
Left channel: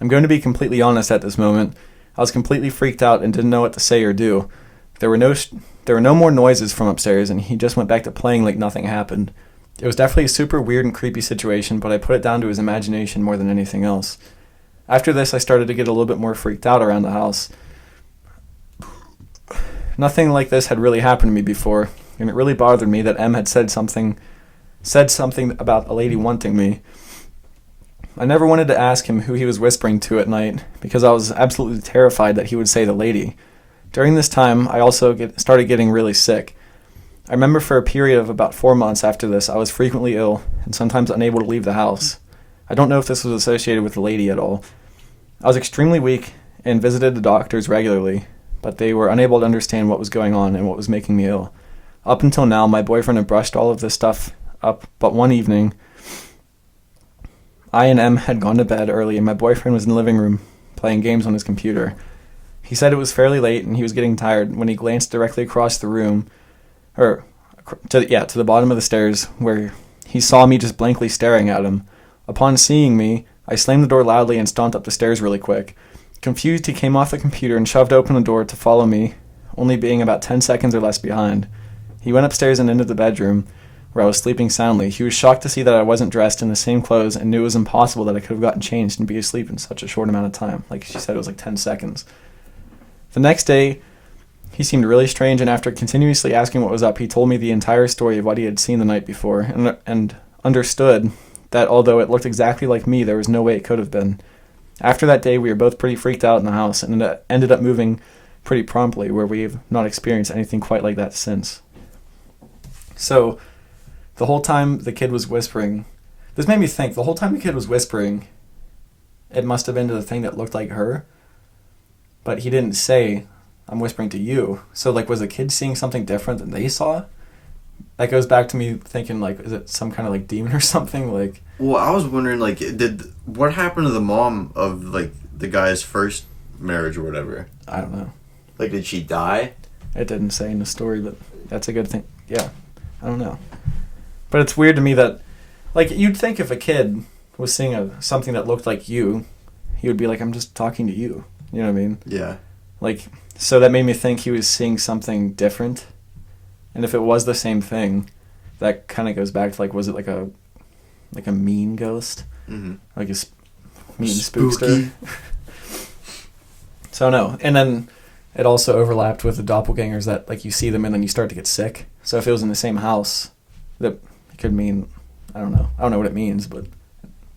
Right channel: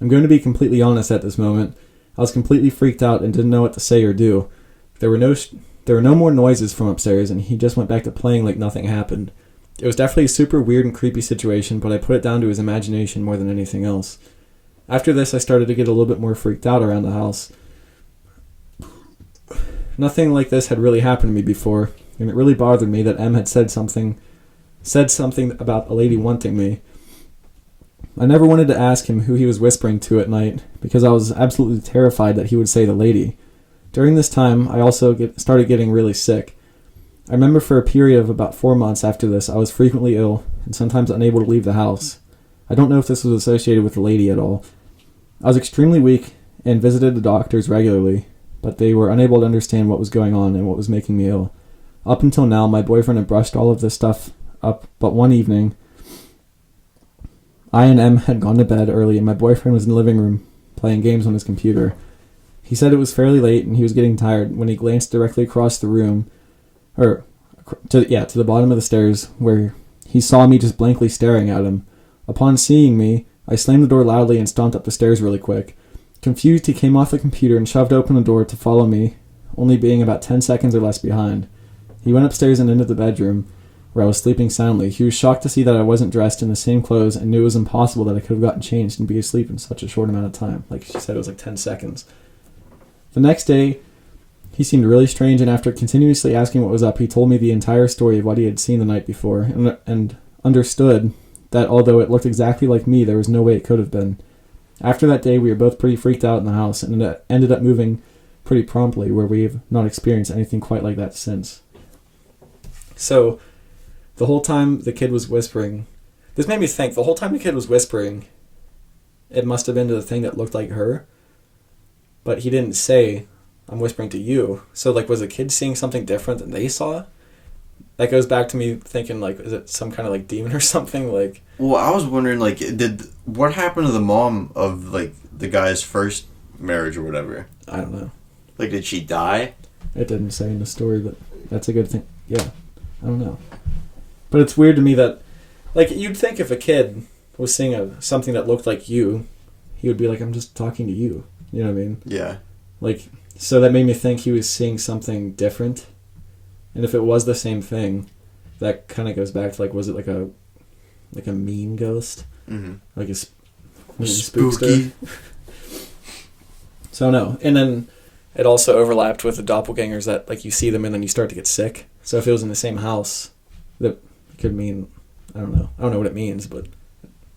I'm going to be completely honest at this moment. I was completely freaked out and didn't know what to say or do. There were no more noises from upstairs, and he just went back to playing like nothing happened. It was definitely a super weird and creepy situation, but I put it down to his imagination more than anything else. After this, I started to get a little bit more freaked out around the house. Nothing like this had really happened to me before, and it really bothered me that M had said something about a lady wanting me. I never wanted to ask him who he was whispering to at night, because I was absolutely terrified that he would say the lady. During this time, I also started getting really sick. I remember for a period of about 4 months after this, I was frequently ill and sometimes unable to leave the house. I don't know if this was associated with the lady at all. I was extremely weak and visited the doctors regularly, but they were unable to understand what was going on and what was making me ill. Up until now, my boyfriend had brushed all of this stuff up, but one evening, I and M had gone to bed early and my boyfriend was in the living room playing games on his computer. He said it was fairly late and he was getting tired when he glanced directly across the room, to the bottom of the stairs, where he saw me just blankly staring at him. Upon seeing me, I slammed the door loudly and stomped up the stairs really quick. Confused, he came off the computer and shoved open the door to follow me, only being about 10 seconds or less behind. He went upstairs and into the bedroom, where I was sleeping soundly. He was shocked to see that I wasn't dressed in the same clothes and knew it was impossible that I could have gotten changed and be asleep in such a short amount of time. Like she said, it was like 10 seconds. The next day, he seemed really strange, and after continuously asking what was up, he told me the entire story of what he had seen the night before, and understood that although it looked exactly like me, there was no way it could have been. After that day, we were both pretty freaked out in the house, and ended up moving pretty promptly, where we've not experienced anything quite like that since. So, the whole time the kid was whispering, this made me think, the whole time the kid was whispering, it must have been to the thing that looked like her, but he didn't say, I'm whispering to you. So, like, was the kid seeing something different than they saw? That goes back to me thinking, like, is it some kind of, like, demon or something? Like, well, I was wondering, like, what happened to the mom of, like, the guy's first marriage or whatever? I don't know. Like, did she die? It didn't say in the story, but that's a good thing. Yeah, I don't know. But it's weird to me that, like, you'd think if a kid was seeing something that looked like you, he would be like, I'm just talking to you. You know what I mean? Yeah. Like, so that made me think he was seeing something different. And if it was the same thing, that kind of goes back to, like, was it like a mean ghost? Mm-hmm. Like a mean spooky spookster? So, no. And then it also overlapped with the doppelgangers that, like, you see them and then you start to get sick. So if it was in the same house, that could mean, I don't know. I don't know what it means, but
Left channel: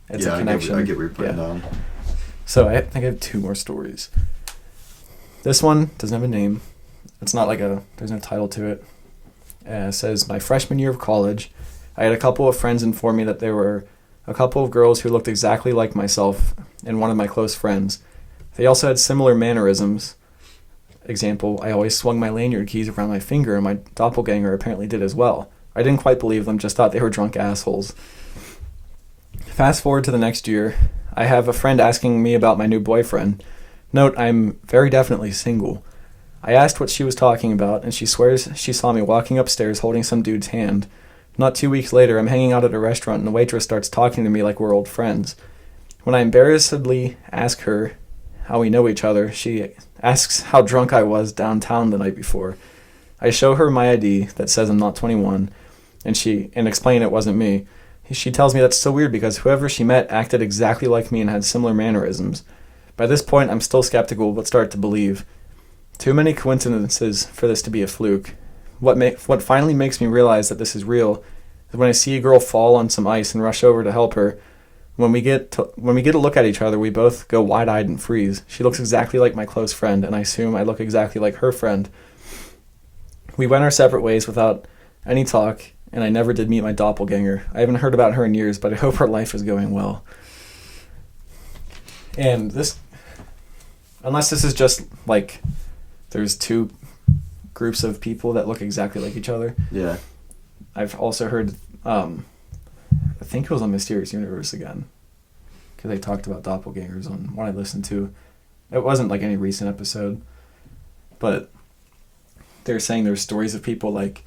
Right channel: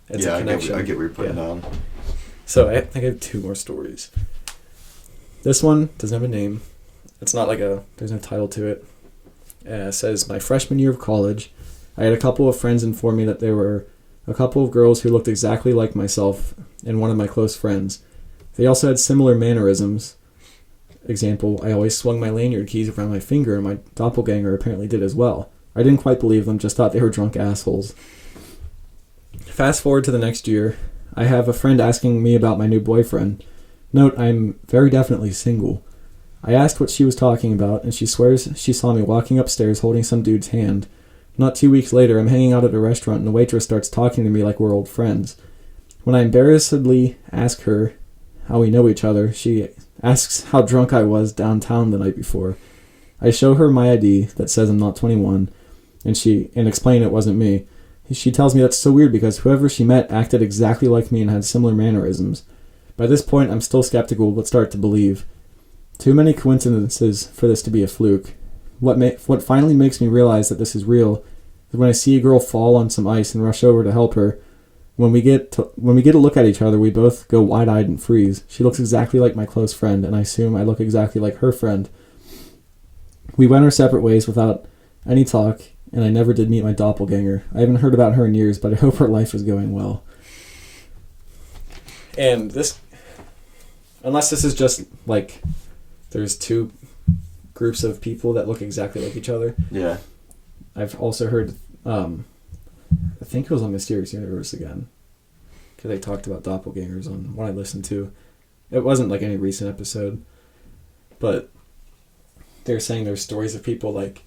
it's a connection. I get what you're putting down. So I think I have 2 more stories. This one doesn't have a name. It's not like there's no title to it. It says, my freshman year of college, I had a couple of friends inform me that there were a couple of girls who looked exactly like myself and one of my close friends. They also had similar mannerisms. Example, I always swung my lanyard keys around my finger, and my doppelganger apparently did as well. I didn't quite believe them, just thought they were drunk assholes. Fast forward to the next year, I have a friend asking me about my new boyfriend. Note, I'm very definitely single. I asked what she was talking about, and she swears she saw me walking upstairs holding some dude's hand. Not 2 weeks later, I'm hanging out at a restaurant, and the waitress starts talking to me like we're old friends. When I embarrassedly ask her how we know each other, she asks how drunk I was downtown the night before. I show her my ID that says I'm not 21, and explain it wasn't me. She tells me that's so weird because whoever she met acted exactly like me and had similar mannerisms. By this point, I'm still skeptical, but start to believe. Too many coincidences for this to be a fluke. What finally makes me realize that this is real is when I see a girl fall on some ice and rush over to help her. When we get a look at each other, we both go wide-eyed and freeze. She looks exactly like my close friend, and I assume I look exactly like her friend. We went our separate ways without any talk, and I never did meet my doppelganger. I haven't heard about her in years, but I hope her life is going well. And this, unless this is just like there's 2 groups of people that look exactly like each other. Yeah. I've also heard, I think it was on Mysterious Universe again, because they talked about doppelgangers on one I listened to. It wasn't like any recent episode, but they're saying there's stories of people like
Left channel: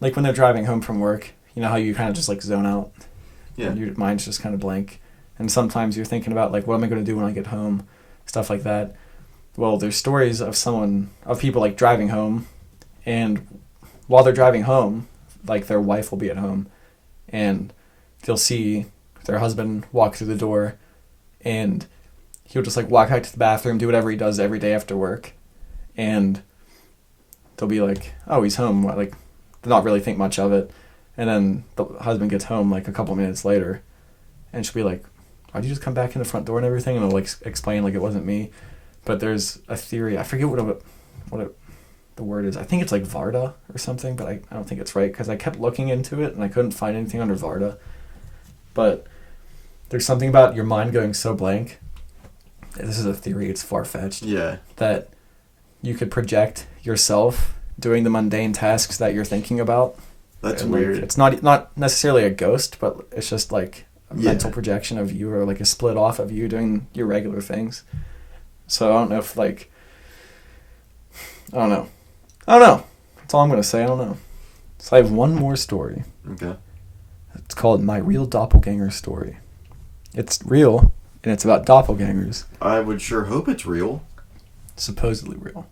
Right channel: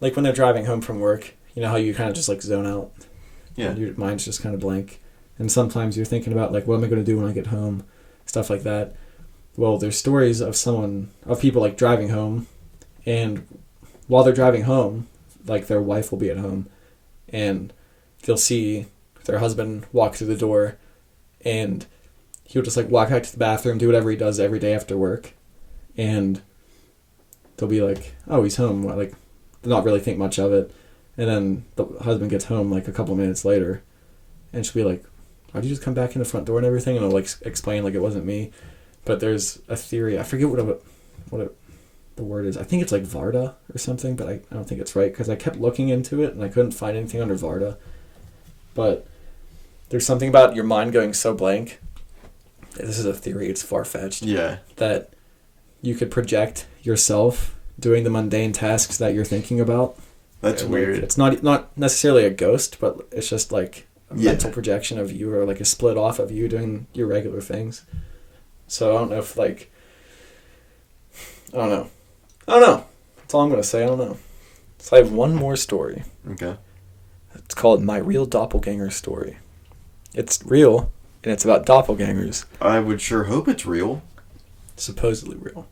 when they're driving home from work, you know how you kind of just like zone out? Yeah. And your mind's just kind of blank. And sometimes you're thinking about like, what am I going to do when I get home? Stuff like that. Well, there's stories of people like driving home, and while they're driving home, like their wife will be at home, and they'll see their husband walk through the door, and he'll just like walk out to the bathroom, do whatever he does every day after work, and they'll be like, oh, he's home, like not really think much of it. And then the husband gets home like a couple minutes later, and she'll be like, why'd you just come back in the front door and everything? And I'll like explain like it wasn't me. But there's a theory, I forget the word is. I think it's like Varda or something, but I don't think it's right, because I kept looking into it and I couldn't find anything under Varda. But there's something about your mind going so blank. This is a theory, it's far-fetched. Yeah. That you could project yourself doing the mundane tasks that you're thinking about. That's and, weird. Like, it's not necessarily a ghost, but it's just like a mental projection of you, or like a split off of you doing your regular things. So I don't know if like, I don't know. That's all I'm going to say. I don't know. So I have one more story. Okay. It's called My Real Doppelganger Story. It's real, and it's about doppelgangers. I would sure hope it's real. Supposedly real.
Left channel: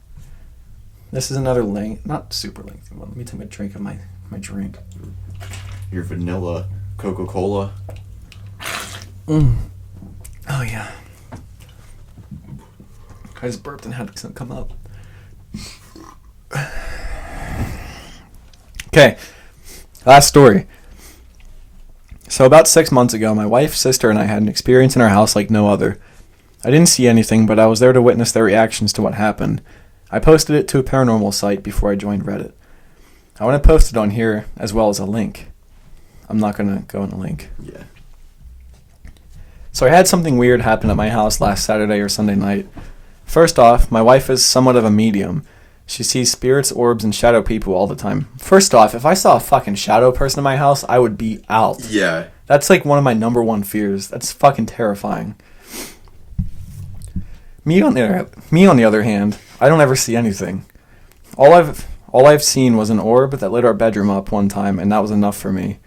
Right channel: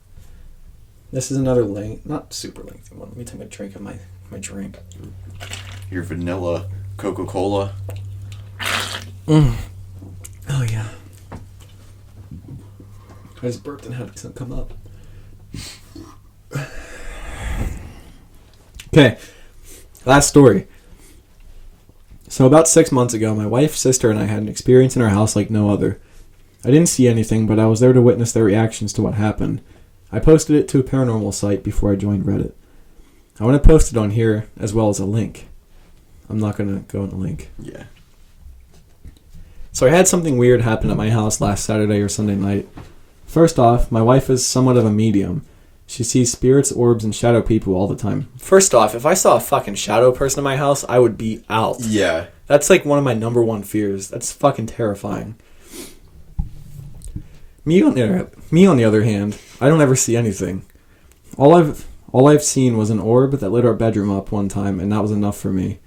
This is another not super lengthy one. Let me take a drink of my drink. Your vanilla Coca-Cola. Oh, yeah. I just burped and had some come up. Okay, last story. So about 6 months ago, my wife, sister, and I had an experience in our house like no other. I didn't see anything, but I was there to witness their reactions to what happened. I posted it to a paranormal site before I joined Reddit. I want to post it on here as well as a link. I'm not going to go in the link. Yeah. So I had something weird happen at my house last Saturday or Sunday night. First off, my wife is somewhat of a medium. She sees spirits, orbs, and shadow people all the time. First off, if I saw a fucking shadow person in my house, I would be out. Yeah. That's like one of my number one fears. That's fucking terrifying. Me on the other hand, I don't ever see anything. All I've seen was an orb that lit our bedroom up one time, and that was enough for me.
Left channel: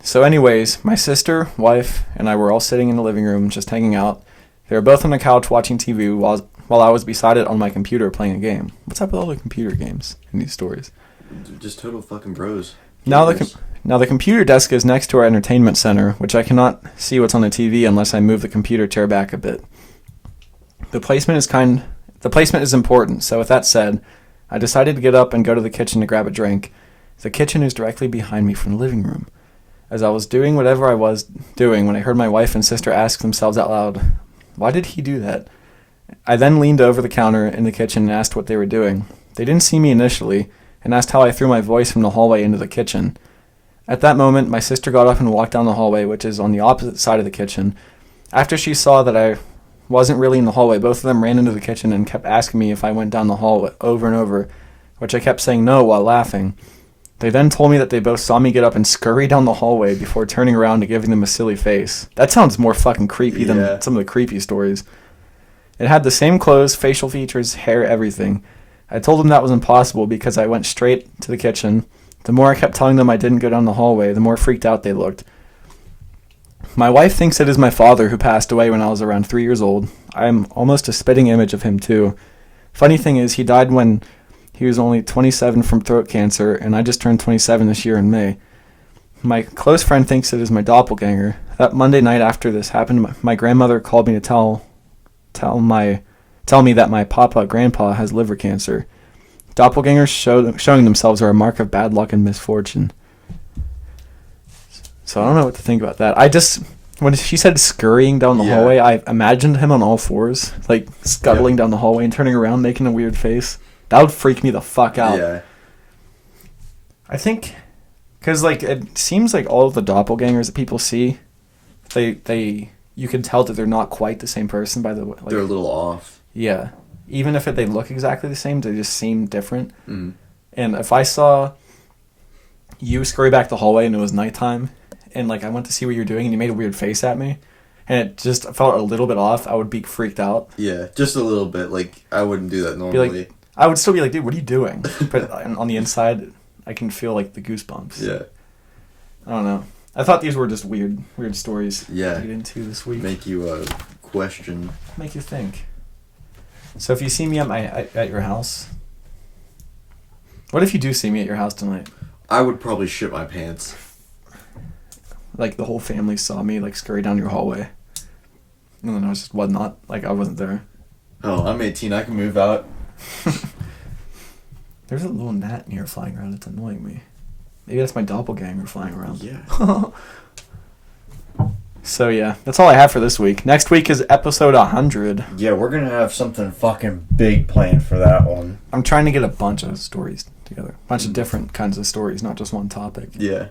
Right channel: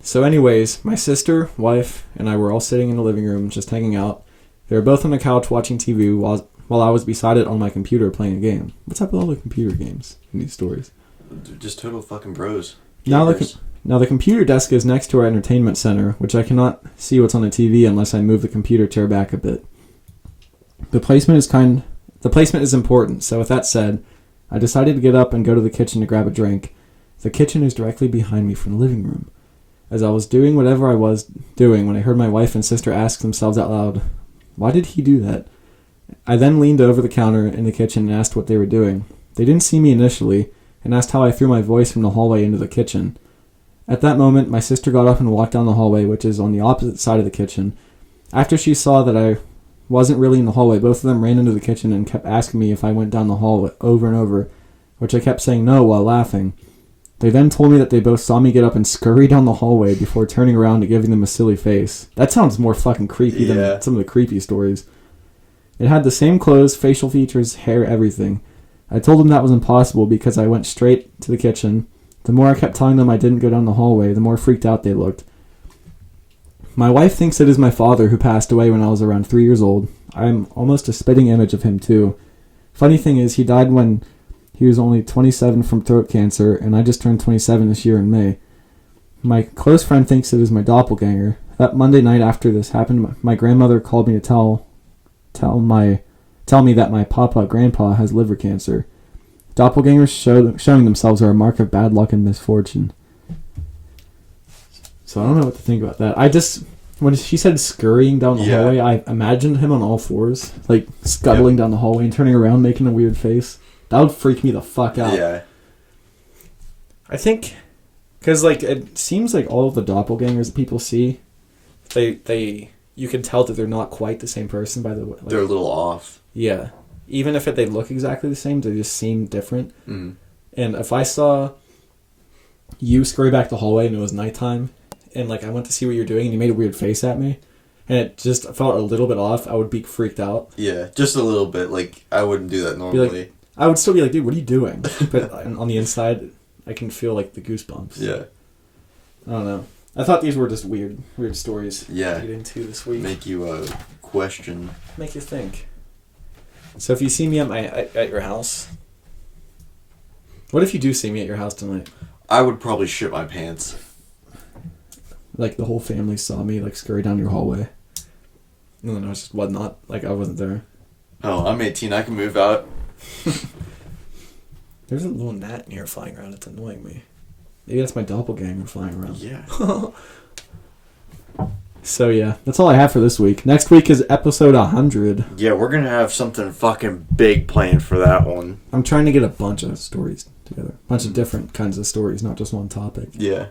So anyways, my sister, wife, and I were all sitting in the living room just hanging out. They were both on the couch watching TV while I was beside it on my computer playing a game. What's up with all the computer games in these stories? Just total fucking bros. Now the computer desk is next to our entertainment center, which I cannot see what's on the TV unless I move the computer chair back a bit. The placement is important, so with that said, I decided to get up and go to the kitchen to grab a drink. The kitchen is directly behind me from the living room. As I was doing whatever I was doing when I heard my wife and sister ask themselves out loud, "Why did he do that?" I then leaned over the counter in the kitchen and asked what they were doing. They didn't see me initially, and asked how I threw my voice from the hallway into the kitchen. At that moment, my sister got up and walked down the hallway, which is on the opposite side of the kitchen. After she saw that I wasn't really in the hallway, both of them ran into the kitchen and kept asking me if I went down the hallway over and over, which I kept saying no while laughing. They then told me that they both saw me get up and scurry down the hallway before turning around and giving them a silly face. That sounds more fucking creepy than some of the creepy stories. It had the same clothes, facial features, hair, everything. I told them that was impossible because I went straight to the kitchen. The more I kept telling them I didn't go down the hallway, the more freaked out they looked. My wife thinks it is my father who passed away when I was around 3 years old. I am almost a spitting image of him too. Funny thing is, he died when he was only 27 from throat cancer, and I just turned 27 this year in May. My close friend thinks it is my doppelganger. That Monday night after this happened, my grandmother called me to tell me that my grandpa has liver cancer. Doppelgangers showing themselves are a mark of bad luck and misfortune. So I don't know what to think about that. When she said scurrying down the hallway, I imagined him on all fours, like scuttling down the hallway and turning around, making a weird face. That would freak me the fuck out. Yeah. I think, because it seems like all of the doppelgangers that people see, you can tell that they're not quite the same person by the way. They're a little off. Yeah. Even if they look exactly the same, they just seem different. Mm-hmm. And if I saw you scurry back the hallway and it was nighttime, and I went to see what you're doing and you made a weird face at me, and it just felt a little bit off, I would be freaked out. Yeah, just a little bit. I wouldn't do that normally. I would still be like, dude, what are you doing? But on the inside, I can feel the goosebumps. Yeah. I don't know. I thought these were just weird stories to get into this week. Make you question. Make you think. So if you see me at your house, what if you do see me at your house tonight? I would probably shit my pants. The whole family saw me scurry down your hallway. And then I was just whatnot. I wasn't there. Oh, I'm 18. I can move out. There's a little gnat in here flying around. It's annoying me. Maybe that's my doppelganger flying around. Yeah. So yeah, that's all I have for this week. Next week is episode 100. Yeah, we're going to have something fucking big planned for that one. I'm trying to get a bunch of stories together. A bunch of different kinds of stories, not just one topic. Yeah.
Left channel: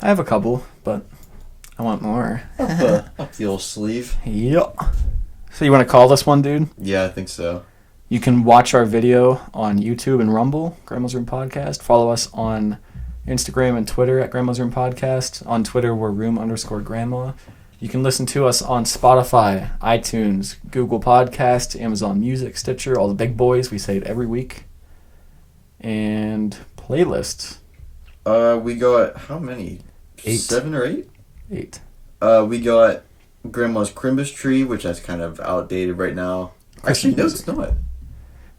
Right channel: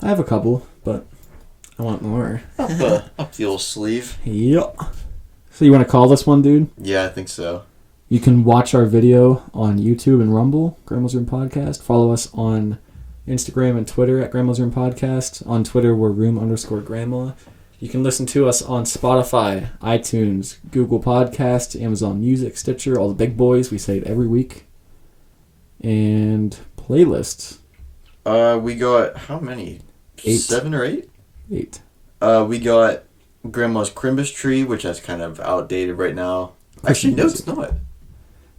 I have a couple, but I want more. Up the old sleeve. Yep. So you want to call this one, dude? Yeah, I think so. You can watch our video on YouTube and Rumble, Grandma's Room Podcast. Follow us on Instagram and Twitter at Grandma's Room Podcast. On Twitter, we're room_grandma. You can listen to us on Spotify, iTunes, Google Podcasts, Amazon Music, Stitcher, all the big boys. We say it every week. And playlists. We got, how many? 8. 7 or 8? 8. We got Grandma's Christmas Tree, which that's kind of outdated right now. Actually, no, it's not.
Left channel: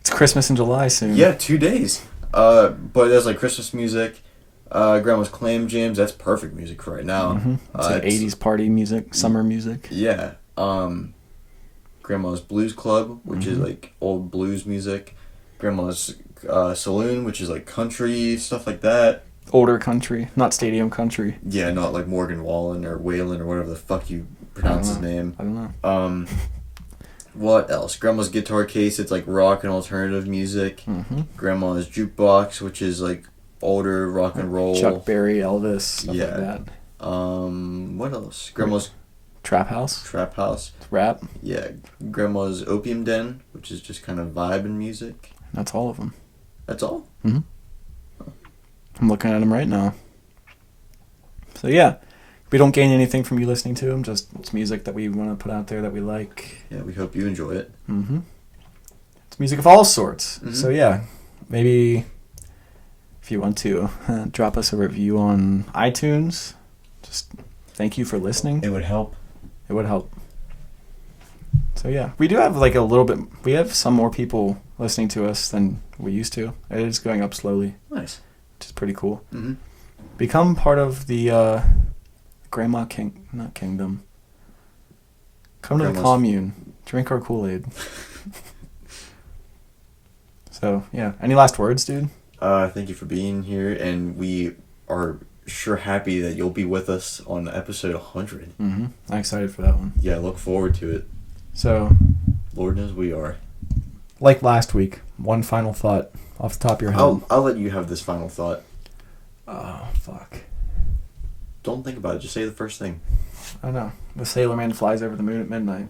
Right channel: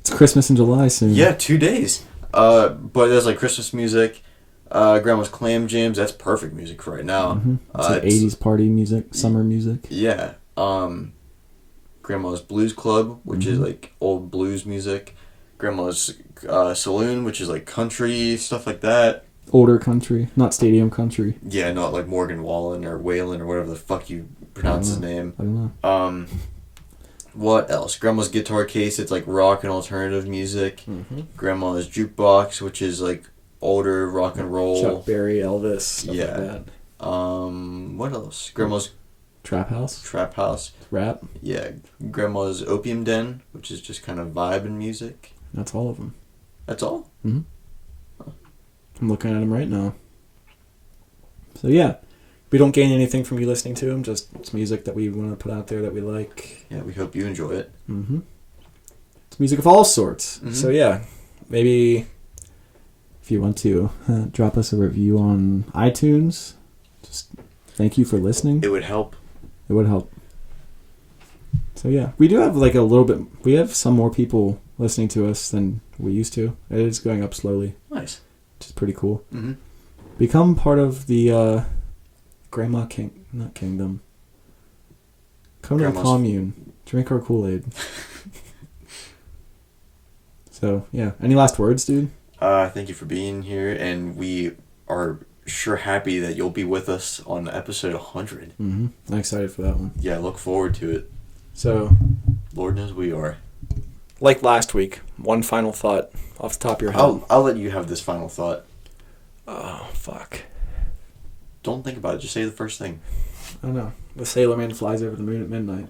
It's Christmas in July soon. Yeah, 2 days. But there's Christmas music. Grandma's Clam Jams, that's perfect music for right now. Mm-hmm. It's 80s party music, summer music. Yeah. Grandma's Blues Club, which is old blues music. Grandma's Saloon, which is country, stuff like that. Older country, not stadium country. Yeah, not Morgan Wallen or Waylon or whatever the fuck you pronounce his name. I don't know. What else? Grandma's Guitar Case, it's rock and alternative music. Mm-hmm. Grandma's Jukebox, which is older rock and roll. Chuck Berry, Elvis, stuff Yeah. like that. What else? Grandma's Trap House, Trap House. rap. Yeah, Grandma's Opium Den, which is just kind of vibe and music. That's all of them. That's all? I'm looking at them right now. So yeah, we don't gain anything from you listening to them. Just it's music that we want to put out there that we like. Yeah, we hope you enjoy it. Mm-hmm. It's music of all sorts. Mm-hmm. So yeah, maybe if you want to drop us a review on iTunes, just thank you for listening. It would help. It would help. So yeah, we do have like a little bit. We have some more people listening to us than we used to. It is going up slowly, Nice. which is pretty cool. Mm-hmm. Become part of the Grandma not Kingdom. Come to the Grandma's- commune. Drink our Kool-Aid. So yeah, any last words, dude? Thank you for being here, and we are sure happy that you'll be with us on episode 100. Mm-hmm. I'm excited for that one. Yeah, look forward to it. So, Lord knows we are. like last week, one final thought off the top of your head. I'll let you have this final thought. Oh, fuck. Don't think about it. Just say the first thing. I don't know. The Sailor Man flies over the moon at midnight.